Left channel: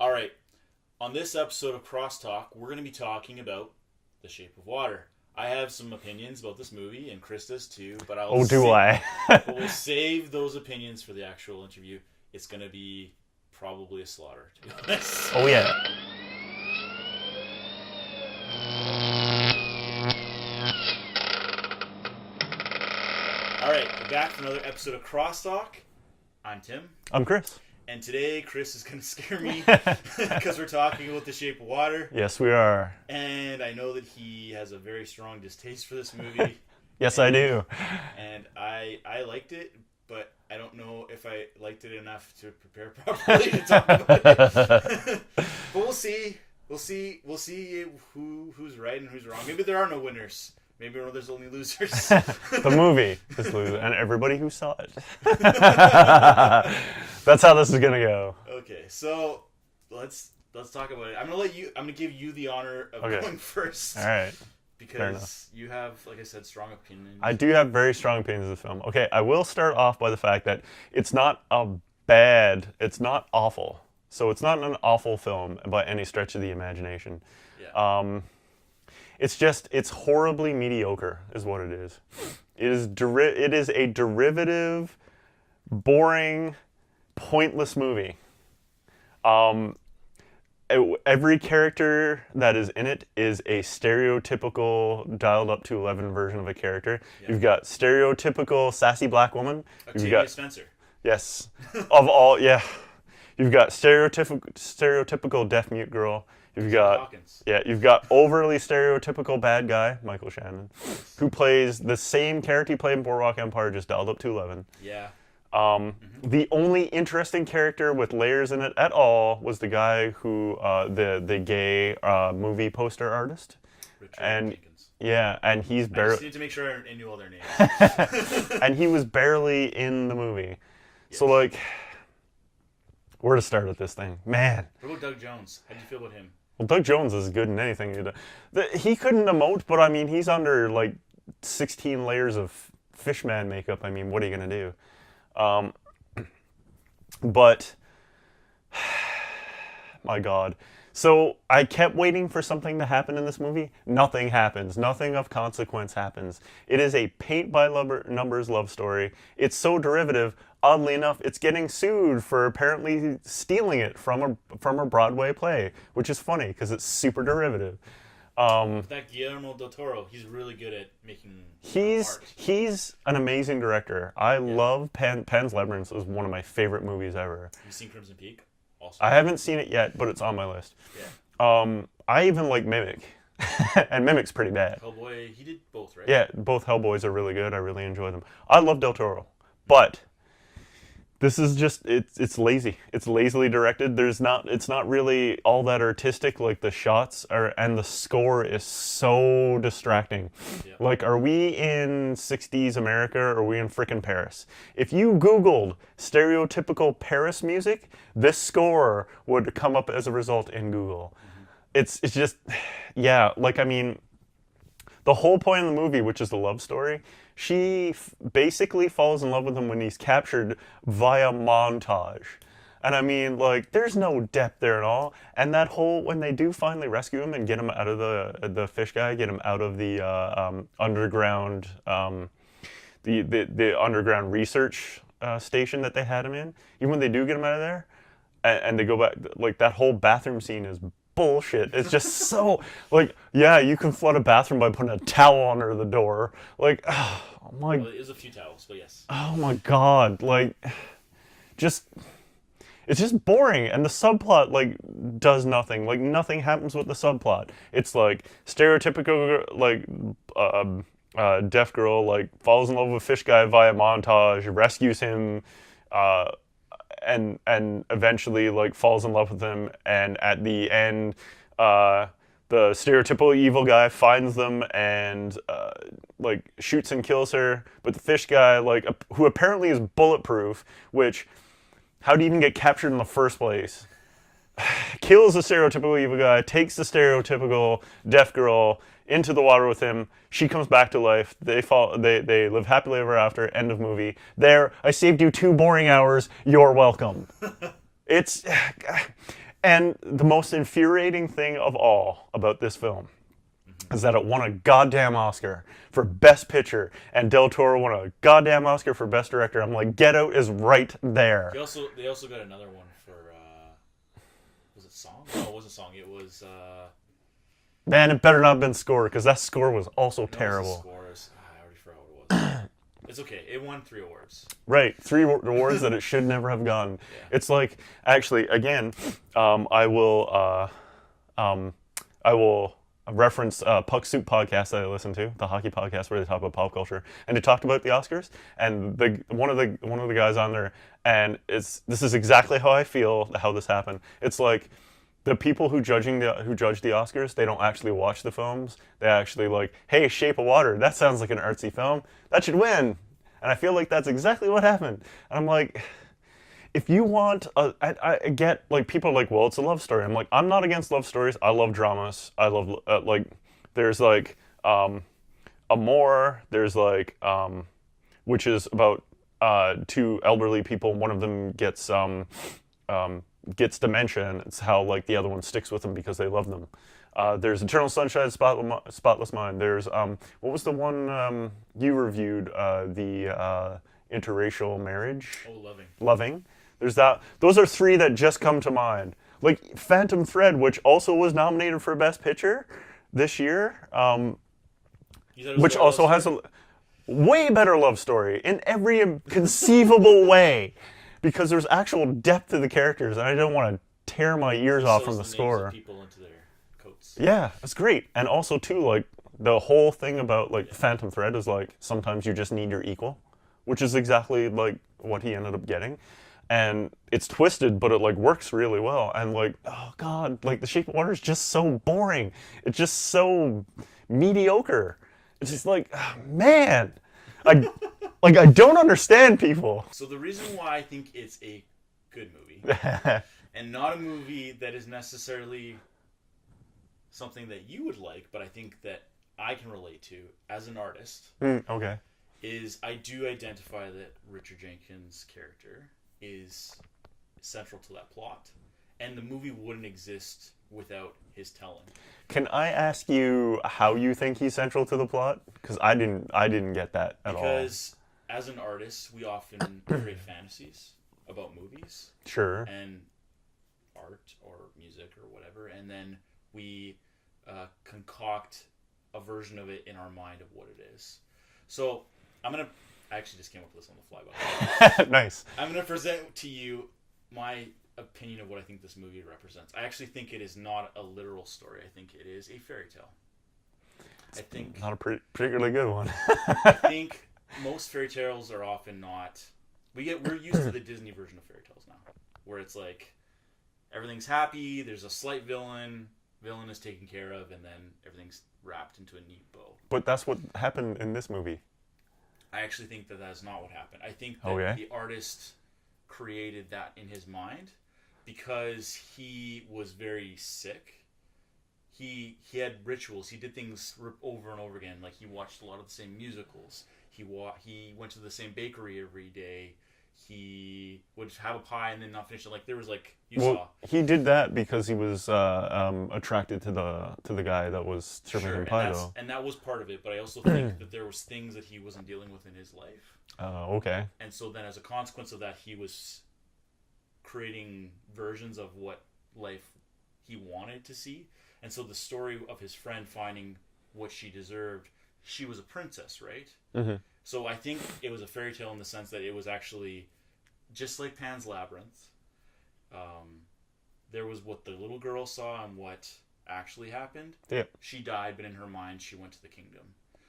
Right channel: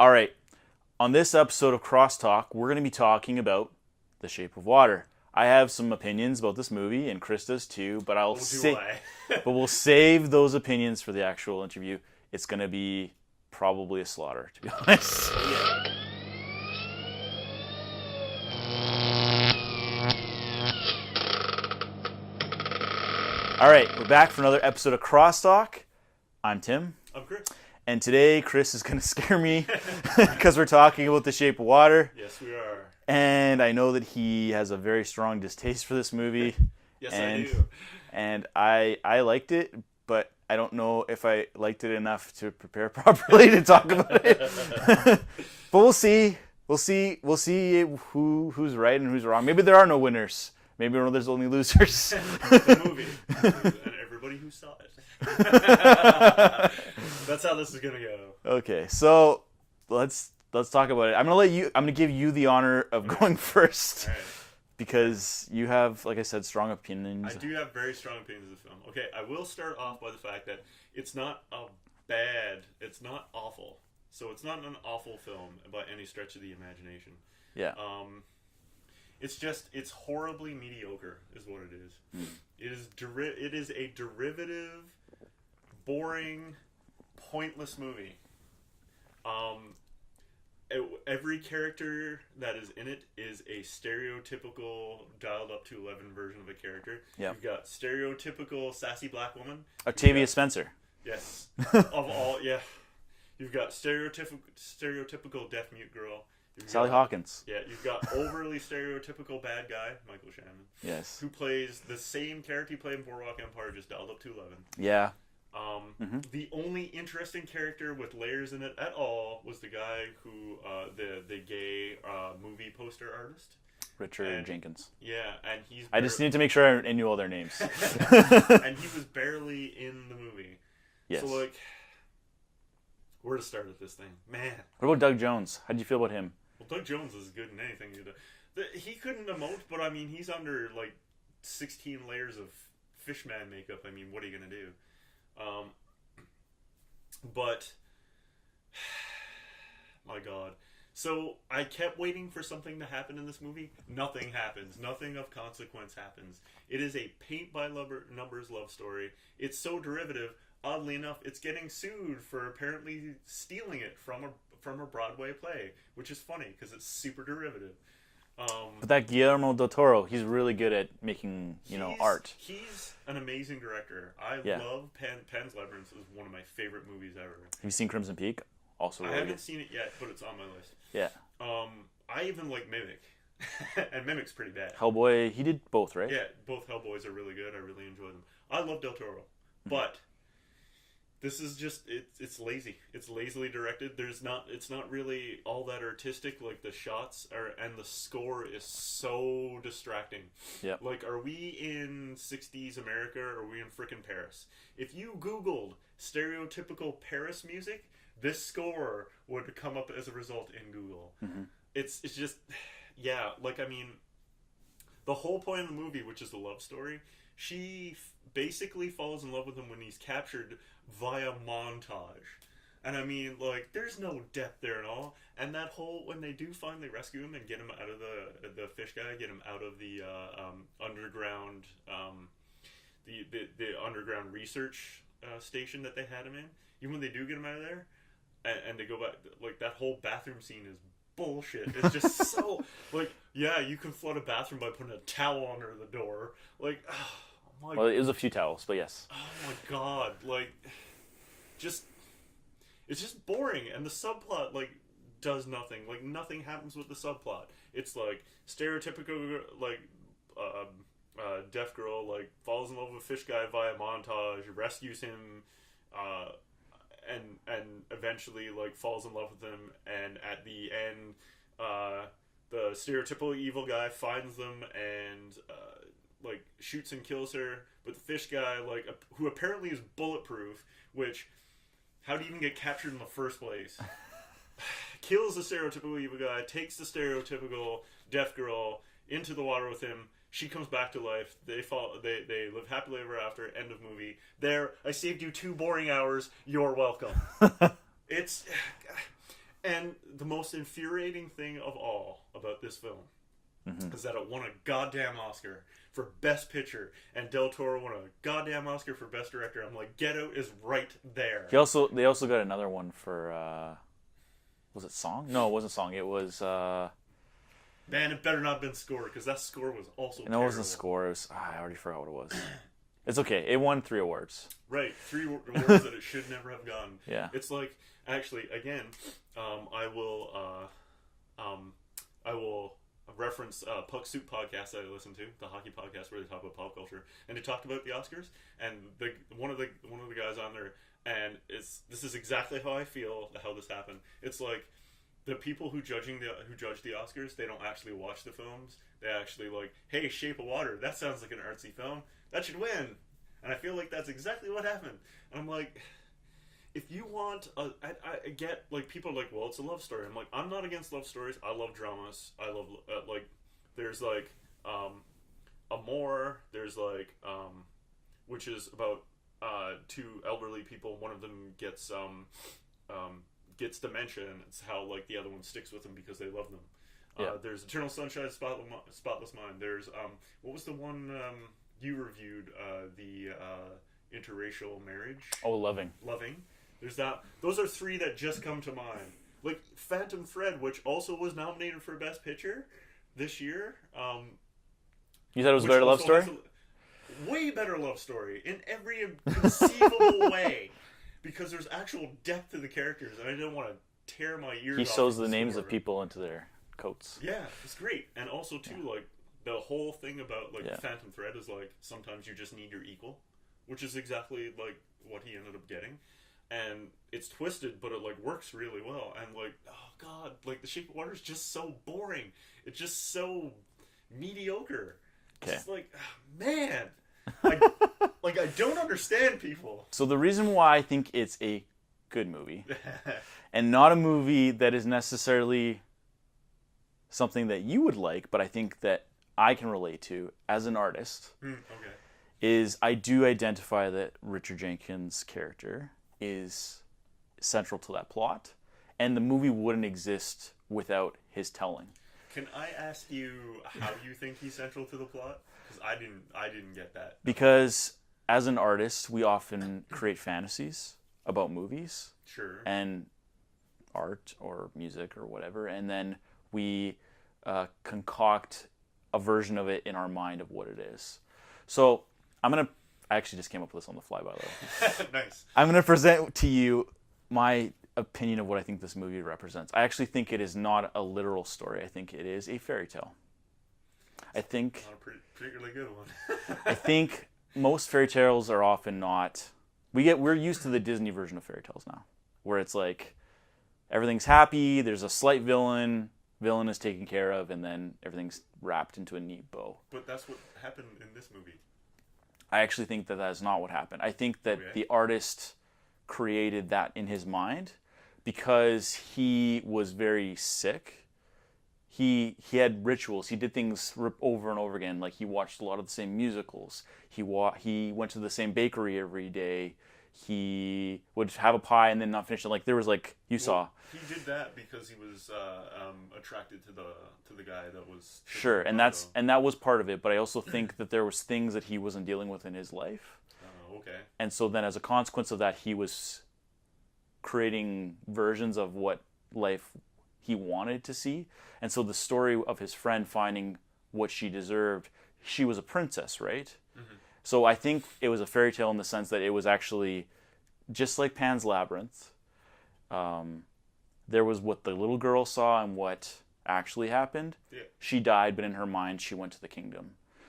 All right. On this episode of Crosstalk, we're going to be talking about The Shape of Water. I have some opinions about this movie, and Chris does too, but but we'll save those opinions for the actual interview. It's going to be probably a slaughter, to be honest. Oh, yeah. All right, we're back for another episode of Crosstalk. I'm Tim. I'm Chris. And today, Chris is going to scare me because we're talking about The Shape of Water. Yes, we are. And I know that he has a very strong distaste for this movie. Yes, I do. And I liked it, but I don't know if I liked it enough to prepare properly to talk about it. But we'll see. We'll see who's right and who's wrong. Maybe there are no winners. Maybe there's only losers. The movie is loser, and everybody who saw it. That's how this is gonna go. Okay, so let's talk about it. I'm gonna give you the honor of going first. All right. Because you have, like I said, strong opinions. I do have very strong opinions of the film. Okay, I will start off by the fact that it's not it's not awful. So it's not an awful film by any stretch of the imagination. Yeah. It's horribly mediocre, is what it is. It is a derivative, boring, pointless movie. Every character that is in it is a stereotypical, dialed up to 11 version of a character. Yeah. You've got stereotypical sassy black woman. Octavia Spencer. Yes. Of all, yeah. You've got stereotypical deaf mute girl. You've got Sally Hawkins. Yeah, you've got overly stereotypical bad guy, Michael Shannon, yes, who plays the same character he played in Boardwalk Empire, just dialed up to 11. Yeah. The only interesting character with layers in it at all was the guy who, the gay movie poster artist. Richard Jenkins. Yeah, and I just need to make sure I knew all their names. And he was barely in the movie. Yes. So, like, where to start with this thing? Man. What about Doug Jones? How did you feel about him? Well, Doug Jones is good in anything he does. He couldn't emote, but I mean, he's under like 16 layers of fishman makeup. I mean, what are you gonna do? But my God. So I kept waiting for something to happen in this movie. Nothing happens. Nothing of consequence happens. It is a paint-by-numbers love story. It's so derivative. Oddly enough, it's getting sued for apparently stealing it from a Broadway play, which is funny because it's super derivative. But that Guillermo Del Toro, he's really good at making art. He's an amazing director. I love Pan's Labyrinth. Is one of my favorite movies ever. Have you seen Crimson Peak? Also, I haven't seen it yet, but it's on my list. Yeah. I even like Mimic, and Mimic's pretty bad. Hellboy, he did both, right? Yeah, both Hellboys are really good. I really enjoy them. I love Del Toro, but this is just it's lazy. It's lazily directed. It's not really all that artistic. Like the shots are, and the score is so distracting. Yeah. Like, are we in 60s America or are we in frickin' Paris? If you Googled stereotypical Paris music, this score would come up as a result in Google. Mm-hmm. It's just, yeah, like, I mean, the whole point of the movie, which is the love story, she basically falls in love with him when he's captured via montage. And I mean, like, there's no depth there at all. And that whole, when they do finally rescue him and get him out of the fish guy, get him out of the underground, the underground research station that they had him in, even when they do get him out of there, and they go back, like, that whole bathroom scene is bullshit. It's just so, like, yeah, you can flood a bathroom by putting a towel under the door. Like, oh my... Well, it was a few towels, but yes. Oh my God. Like, it's just boring. And the subplot, like, does nothing. Like, nothing happens with the subplot. It's, like, stereotypical, like, deaf girl, like, falls in love with a fish guy via montage, rescues him, and eventually, like, falls in love with him, and at the end, the stereotypical evil guy finds them and, like, shoots and kills her, but the fish guy, like, who apparently is bulletproof, which, how do you even get captured in the first place? Kills the stereotypical evil guy, takes the stereotypical deaf girl into the water with him. She comes back to life. They live happily ever after. End of movie. There, I saved you 2 boring hours. You're welcome. It's, And the most infuriating thing of all about this film is that it won a goddamn Oscar for Best Picture, and Del Toro won a goddamn Oscar for Best Director. I'm like, Get Out is right there. They also got another one for was it song? No, it wasn't song. It was man, it better not have been score, because that score was also terrible. It wasn't score. It was, I already forgot what it was. It's okay. It won 3 awards. Right, 3 awards that it should never have gotten. Yeah. It's like, actually, again, I will reference Puck Soup podcast that I listen to, the hockey podcast where they talk about pop culture, and they talked about the Oscars, and one of the guys on there, and this is exactly how I feel how this happened. It's like the people who judge the Oscars, they don't actually watch the films. They actually like, hey, Shape of Water, that sounds like an artsy film. That should win. And I feel like that's exactly what happened. And I'm like, if you want, I get, like, people are like, well, it's a love story. I'm like, I'm not against love stories. I love dramas. I love, like, there's, like, Amour. There's, like, which is about 2 elderly people. One of them gets dementia, and it's how, like, the other one sticks with them because they love them. There's Eternal Sunshine, Spotless Mind. There's, what was the one you reviewed? The interracial marriage? Oh, Loving. Loving. There's that. Those are 3 that just come to mind. Like Phantom Thread, which also was nominated for Best Picture this year. You said it was which also has a way better love story in every conceivable way, because there's actual depth to the characters, and I don't want to tear my ears off from the score. He shows the names of people into their coats. Yeah, that's great. And also too, like, the whole thing about, like, Phantom Thread is, like, sometimes you just need your equal, which is exactly, like, what he ended up getting. And it's twisted, but it, like, works really well. And, like, oh god, like, The Shape of Water is just so boring. It's just so mediocre. It's just like, oh, man, I don't understand people. So the reason why I think it's a good movie and not a movie that is necessarily something that you would like, but I think that I can relate to as an artist, okay, is I do identify that Richard Jenkins' character is central to that plot, and the movie wouldn't exist without his telling. Can I ask you how you think he's central to the plot? Because I didn't get that at because as an artist, we often create fantasies about movies, sure, and art or music or whatever, and then we concoct a version of it in our mind of what it is. So I actually just came up with this on the fly, by the way. Nice. I'm going to present to you my opinion of what I think this movie represents. I actually think it is not a literal story. I think it is a fairy tale. I think not a particularly good one. I think most fairy tales are often not. We're used to the Disney version of fairy tales now, where it's like everything's happy. There's a slight villain is taken care of, and then everything's wrapped into a neat bow. But that's what happened in this movie. I actually think that is not what happened. I think that the artist created that in his mind because he was very sick. He had rituals. He did things over and over again. Like, he watched a lot of the same musicals. He went to the same bakery every day. He would have a pie and then not finish it. Like, there was, like, saw. He did that because he was attracted to the guy that was sure, and that was part of it. But I also think that there was things that he wasn't dealing with in his life. Okay. And so then, as a consequence of that, he was creating versions of what life he wanted to see. And so the story of his friend finding what she deserved, she was a princess, right? Mm-hmm. So I think it was a fairy tale in the sense that it was actually just like Pan's Labyrinth. There was what the little girl saw and what actually happened. Yeah. She died, but in her mind, she went to the kingdom.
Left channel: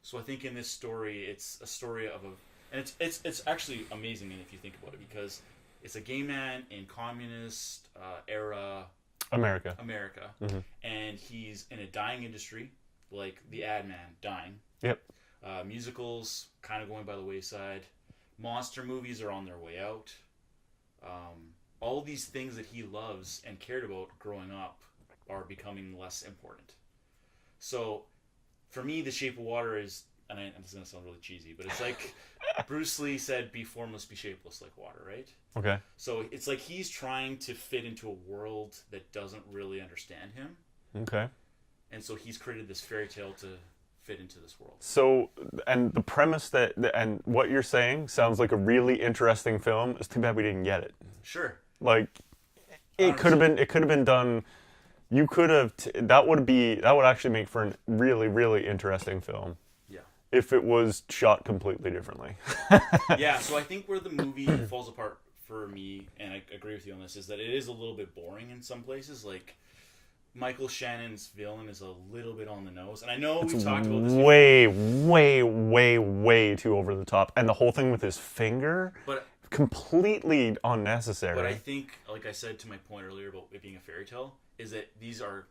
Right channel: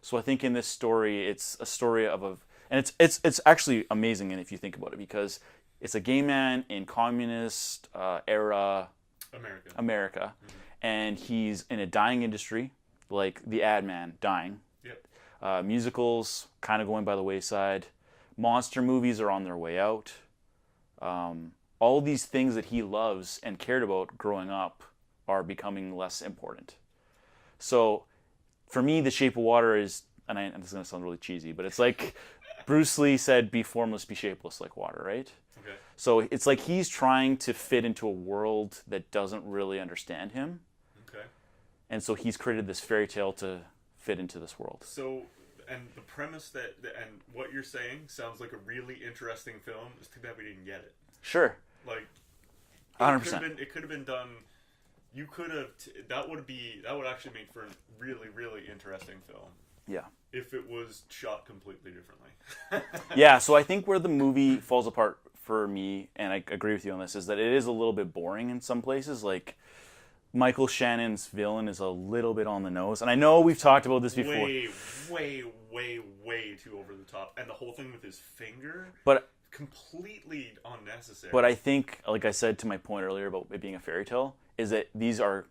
So I think in this story, it's a story of and it's actually amazing, and if you think about it, because it's a gay man in communist era America, mm-hmm. and he's in a dying industry, like the ad man dying. Yep. Musicals kind of going by the wayside. Monster movies are on their way out. All of these things that he loves and cared about growing up are becoming less important. So, for me, The Shape of Water is and this is going to sound really cheesy, but it's like Bruce Lee said, be formless, be shapeless like water, right? Okay. So it's like he's trying to fit into a world that doesn't really understand him. Okay. And so he's created this fairy tale to fit into this world. So, and the premise and what you're saying sounds like a really interesting film. It's too bad we didn't get it. Sure. Like, it 100%. could have been done. You could have. That would actually make for a really, really interesting film. Yeah. If it was shot completely differently. Yeah. So I think where the movie falls apart for me, and I agree with you on this, is that it is a little bit boring in some places. Like, Michael Shannon's villain is a little bit on the nose. And I know we've talked about this before. Way too over the top. And the whole thing with his finger, but completely unnecessary. But I think, like I said to my point earlier about it being a fairy tale, is that these are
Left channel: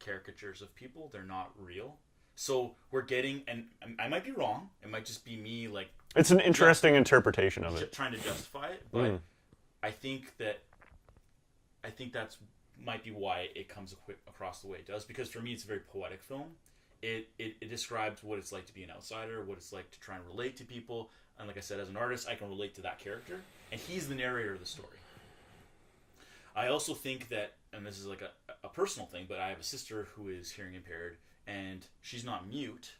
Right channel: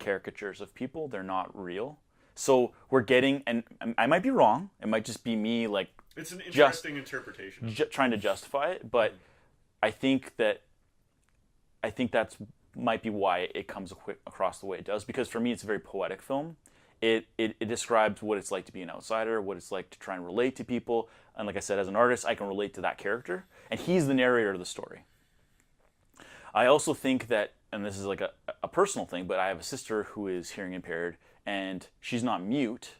caricatures of people. They're not real. So we're getting, and I might be wrong. It might just be me, like... It's an interesting interpretation of it. Trying to justify it. But I think that's might be why it comes across the way it does, because for me it's a very poetic film. It describes what it's like to be an outsider, what it's like to try and relate to people, and like I said, as an artist I can relate to that character, and he's the narrator of the story. I also think that, and this is like a personal thing, but I have a sister who is hearing impaired, and she's not mute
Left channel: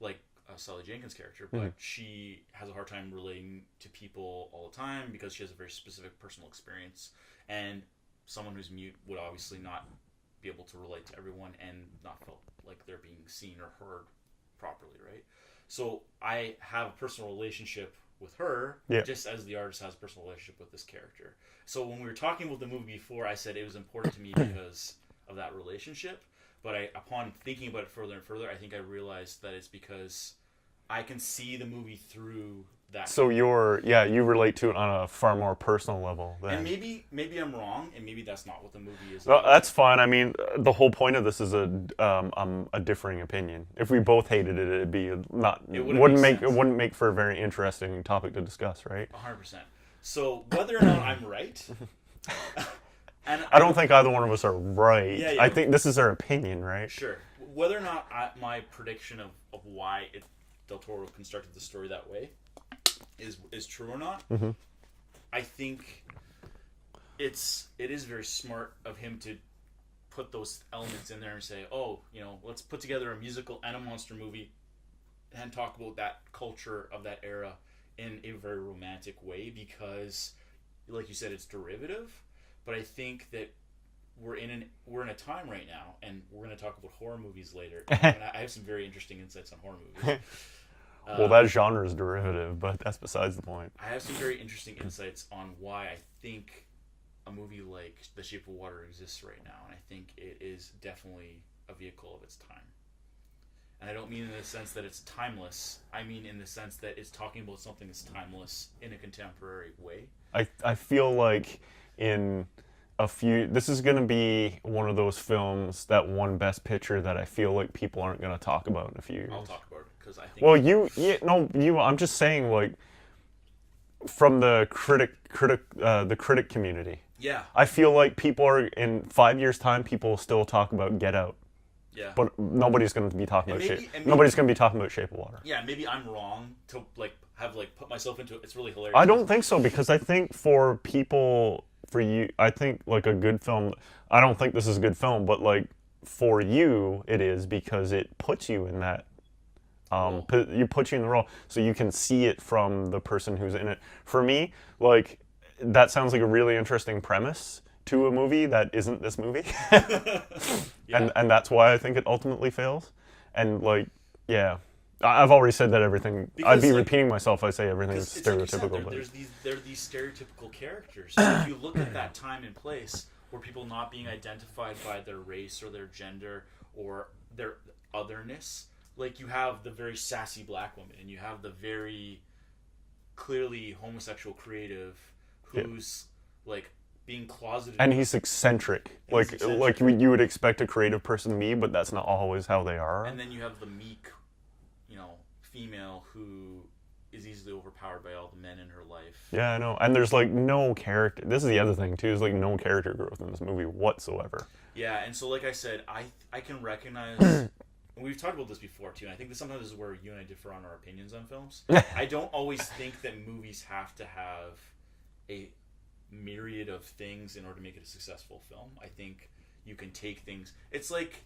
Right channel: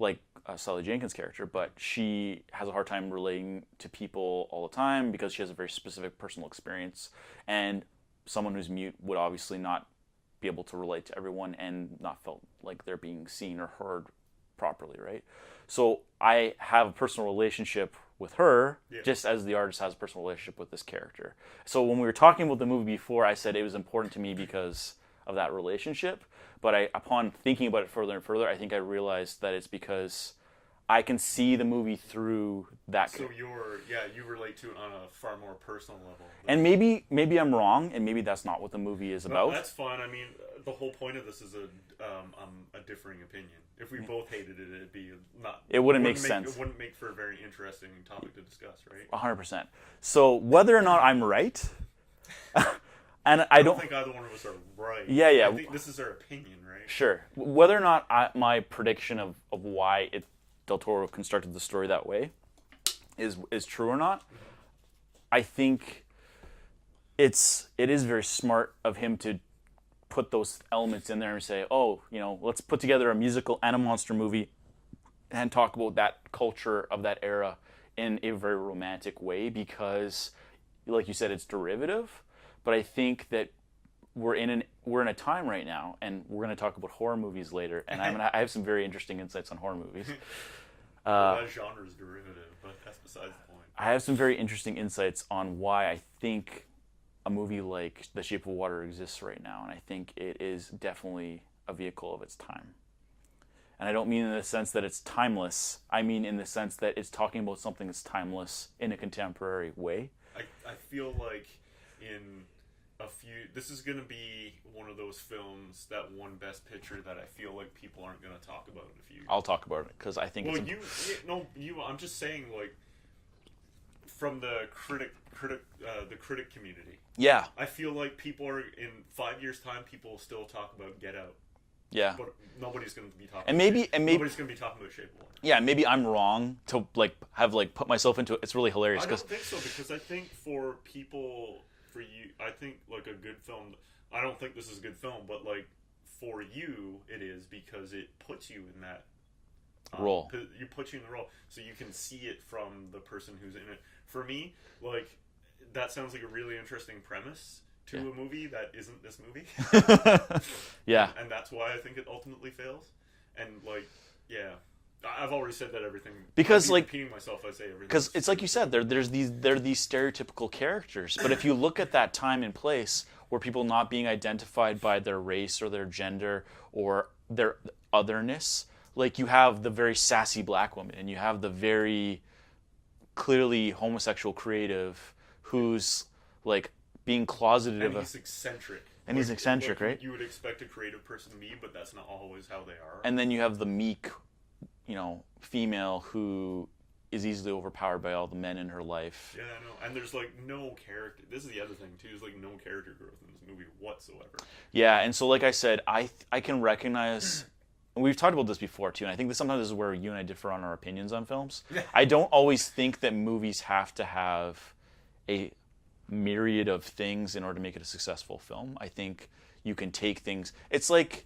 like Sally Jenkins' character, but she has a hard time relating to people all the time because she has a very specific personal experience, and someone who's mute would obviously not be able to relate to everyone and not felt like they're being seen or heard properly, right? So I have a personal relationship with her, just as the artist has a personal relationship with this character. So when we were talking about the movie before, I said it was important to me because of that relationship. But upon thinking about it further and further, I think I realized that it's because I can see the movie through that. So you relate to it on a far more personal level. And maybe I'm wrong, and maybe that's not what the movie is about. Well, that's fine. I mean, the whole point of this is a differing opinion. If we both hated it, it'd be not. It wouldn't make sense. It wouldn't make for a very interesting topic to discuss, right? 100%. So whether or not I'm right. And I don't think either one of us are right. Yeah. I think this is our opinion, right? Sure. Whether or not my prediction of why Del Toro constructed the story that way is true or not, I think it is very smart of him to put those elements in there and say, oh, let's put together a musical and a monster movie and talk about that culture of that era in a very romantic way, because, like you said, it's derivative. But I think that we're in a time right now, and we're going to talk about horror movies later. And I have some very interesting insights on horror movies. Well, that genre is derivative, but that's besides the point. I have some very interesting insights on why I think a movie like The Shape of Water exists right now, and I think it is definitely a vehicle of its time. And I don't mean in the sense that it's timeless. I mean in the sense that it's talking about something that's timeless in a contemporary way. I feel like this is going to be one of those films that won Best Picture that I feel like people aren't going to talk about in a few years. I'll talk about it because I think. Well, I'm just saying, like, from the critic community. Yeah. I feel like people are, in 5 years' time, people will still talk about Get Out. Yeah. But nobody's going to be talking nobody's going to be talking about Shape of Water. Yeah, maybe I'm wrong to have put myself into it. It's really hilarious. I don't think so, because I think for people. For you, I think like a good film. I don't think this is a good film, but like for you, it is, because it puts you in that role. You put you in the role, so you can see it from the person who's in it. For me, like, that sounds like a really interesting premise to a movie that isn't this movie. Yeah, and that's why I think it ultimately fails. And like, yeah. I've already said that everything. Because, I'd be repeating myself if I say everything. Because it's like you said, they're these stereotypical characters. And if you look at that time and place where people not being identified by their race or their gender or their otherness, like, you have the very sassy black woman and you have the very clearly homosexual creative who's like being closeted. And he's eccentric. And he's eccentric, like you would expect a creative person to be, but that's not always how they are. And then you have the meek, female who is easily overpowered by all the men in her life. Yeah, I know. And there's like no character. This is the other thing too. There's like no character growth in this movie whatsoever. Yeah, and so like I said, I can recognize we've talked about this before too, and I think that sometimes this is where you and I differ on our opinions on films. I don't always think that movies have to have a myriad of things in order to make it a successful film. I think you can take things. It's like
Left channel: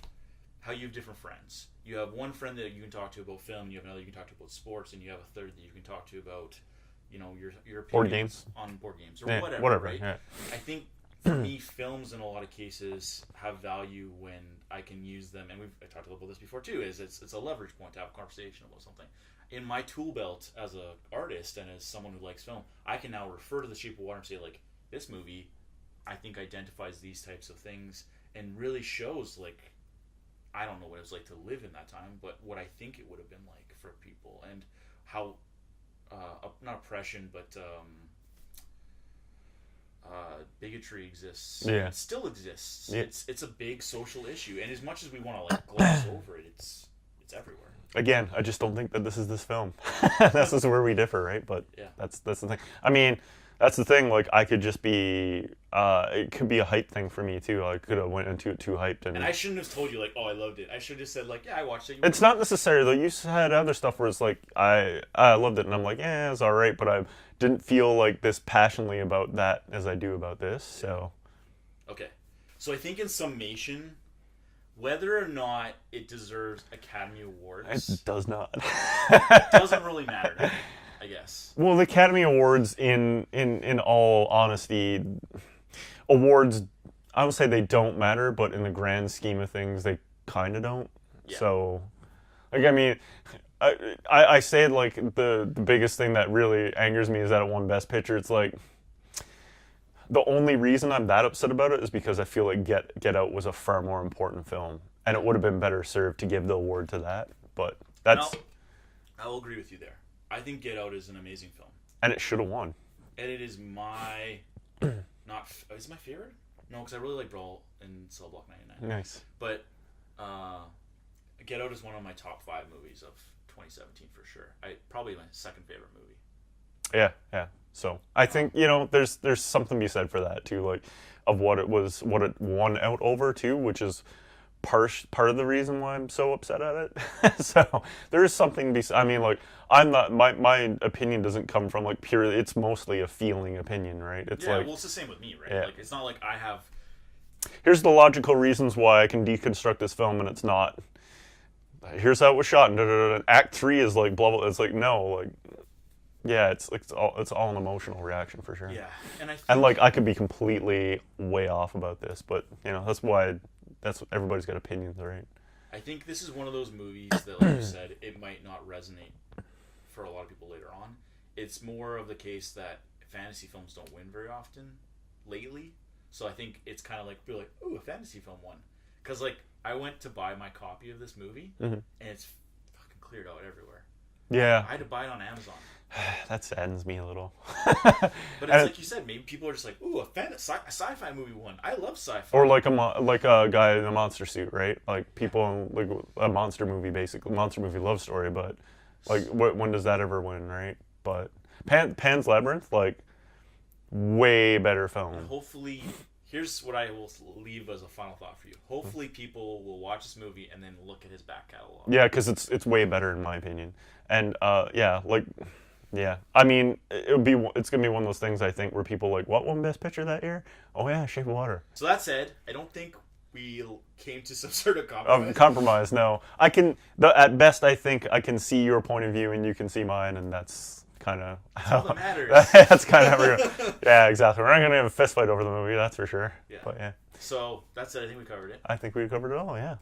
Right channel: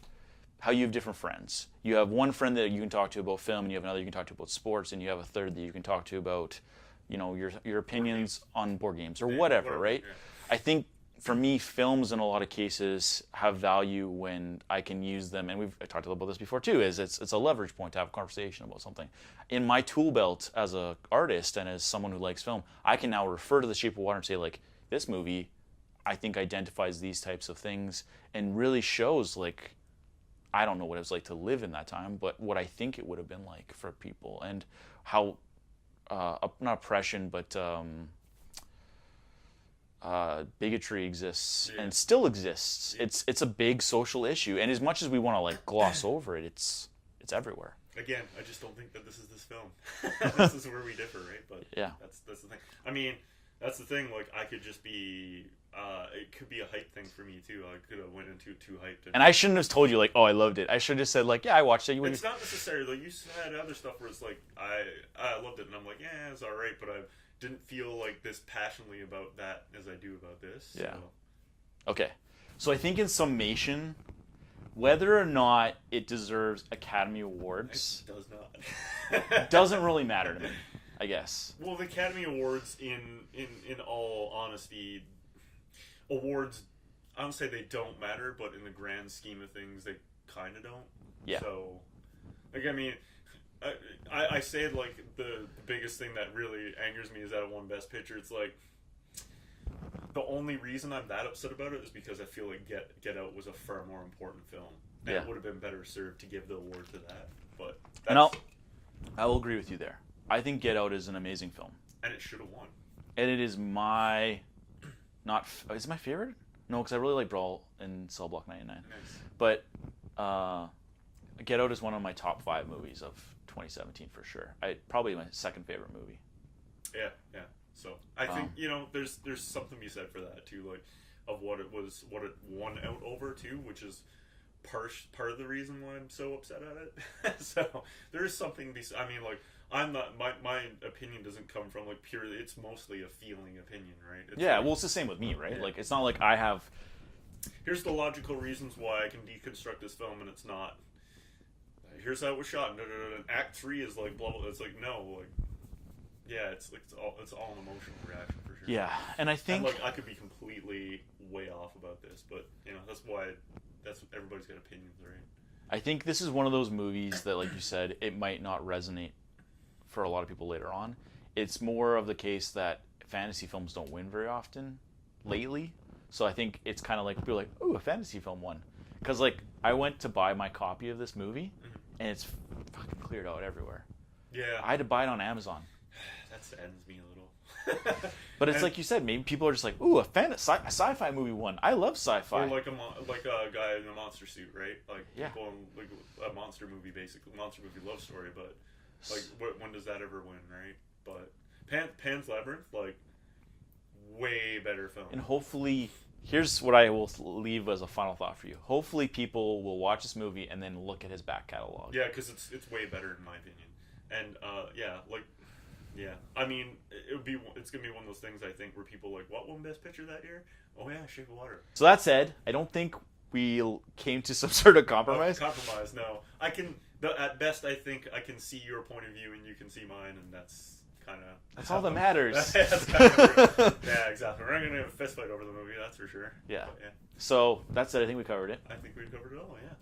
how you have different friends. You have one friend that you can talk to about film, and you have another you can talk to about sports, and you have a third that you can talk to about, your opinions on board games or whatever, right? Yeah. I think for me, films in a lot of cases have value when I can use them, and we've talked about this before too, is it's a leverage point to have a conversation about something. In my tool belt as an artist and as someone who likes film, I can now refer to The Shape of Water and say, like, this movie, I think, identifies these types of things and really shows, like, I don't know what it was like to live in that time, but what I think it would have been like for people, and how, not oppression, but bigotry exists and still exists. Yeah. It's a big social issue, and as much as we want to like gloss over it, it's everywhere. Again, I just don't think that this is this film. This is where we differ, right? But yeah, that's the thing. I mean, that's the thing. Like, I could just be, it could be a hype thing for me too. I could have went into it too hyped, and I shouldn't have told you like, oh, I loved it. I should have just said like, yeah, I watched it. It's not necessary though. You had other stuff where it's like, I loved it, and I'm like, yeah, it's all right, but I didn't feel like this passionately about that as I do about this. So, okay. So I think in summation, whether or not it deserves Academy Awards, it does not. It doesn't really matter to me, I guess. Well, the Academy Awards, in all honesty, awards, I would say they don't matter, but in the grand scheme of things, they kind of don't. Yeah. So, like, I mean, I say it like the biggest thing that really angers me is that it won Best Picture. It's like, the only reason I'm that upset about it is because I feel like Get Out was a far more important film, and it would have been better served to give the award to that. But that's... I will agree with you there. I think Get Out is an amazing film. And it should have won. And it is my... is it my favorite? No, because I really like Brawl and Cell Block 99. Nice. But Get Out is one of my top 5 movies of 2017 for sure. Probably my second favorite movie. Yeah. So I think there's something to be said for that too, like of what it won out over too, which is part of the reason why I'm so upset at it. So there is something to be. I mean, like, I'm not, my opinion doesn't come from like purely. It's mostly a feeling opinion, right? It's like, well, it's the same with me, right? Yeah. Like, it's not like I have. Here's the logical reasons why I can deconstruct this film, and it's not. Here's how it was shot, and Act 3 is like blah blah. It's like, no, like. Yeah, it's all an emotional reaction for sure. Yeah, and I think... And, like, I could be completely way off about this, but, that's everybody's got opinions, right? I think this is one of those movies that, like you said, it might not resonate for a lot of people later on. It's more of the case that fantasy films don't win very often lately, so I think it's kind of like, people are like, ooh, a fantasy film won. Because, like, I went to buy my copy of this movie, and it's fucking cleared out everywhere. Yeah. I had to buy it on Amazon. That saddens me a little. But it's like you said, maybe people are just like, ooh, a sci-fi movie won. I love sci-fi. Or like a guy in a monster suit, right? Like, people like a monster movie, basically. Monster movie love story, but like, when does that ever win, right? But Pan's Labyrinth, like, way better film. And hopefully, here's what I will leave as a final thought for you. Hopefully people will watch this movie and then look at his back catalog. Yeah, because it's way better in my opinion. And yeah, I mean, it's gonna be one of those things, I think, where people are like, what won Best Picture that year? Oh yeah, Shape of Water. So that said, I don't think we came to some sort of compromise. Compromise, no. At best, I think I can see your point of view and you can see mine, and that's kind of... That's all that matters. That's kind of... Yeah, exactly. We're not gonna have a fist fight over the movie, that's for sure. Yeah. But yeah. So that's it. I think we covered it. I think we covered it all. Yeah.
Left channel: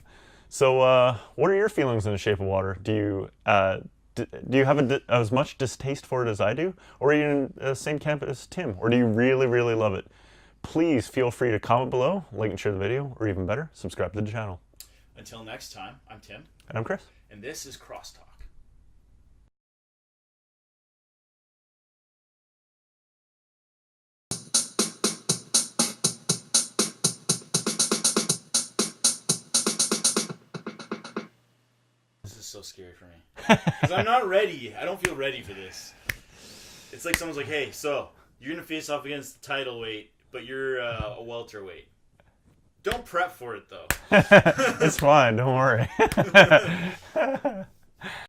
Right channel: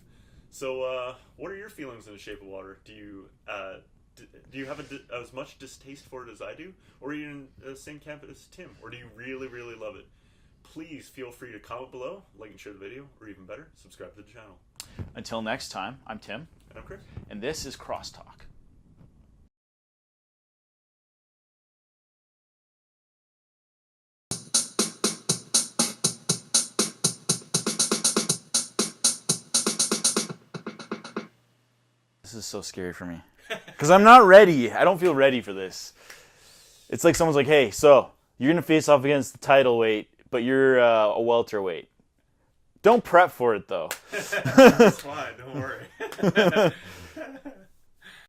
So, what are your feelings in The Shape of Water? Do you have as much distaste for it as I do? Or are you in the same camp as Tim? Or do you really, really love it? Please feel free to comment below, like and share the video, or even better, subscribe to the channel. Until next time, I'm Tim. And I'm Chris. And this is Crosstalk. This is so scary for me. Because I'm not ready. I don't feel ready for this. It's like someone's like, hey, so you're going to face off against the title weight, but you're a welterweight. Don't prep for it, though. It's fine. Don't worry.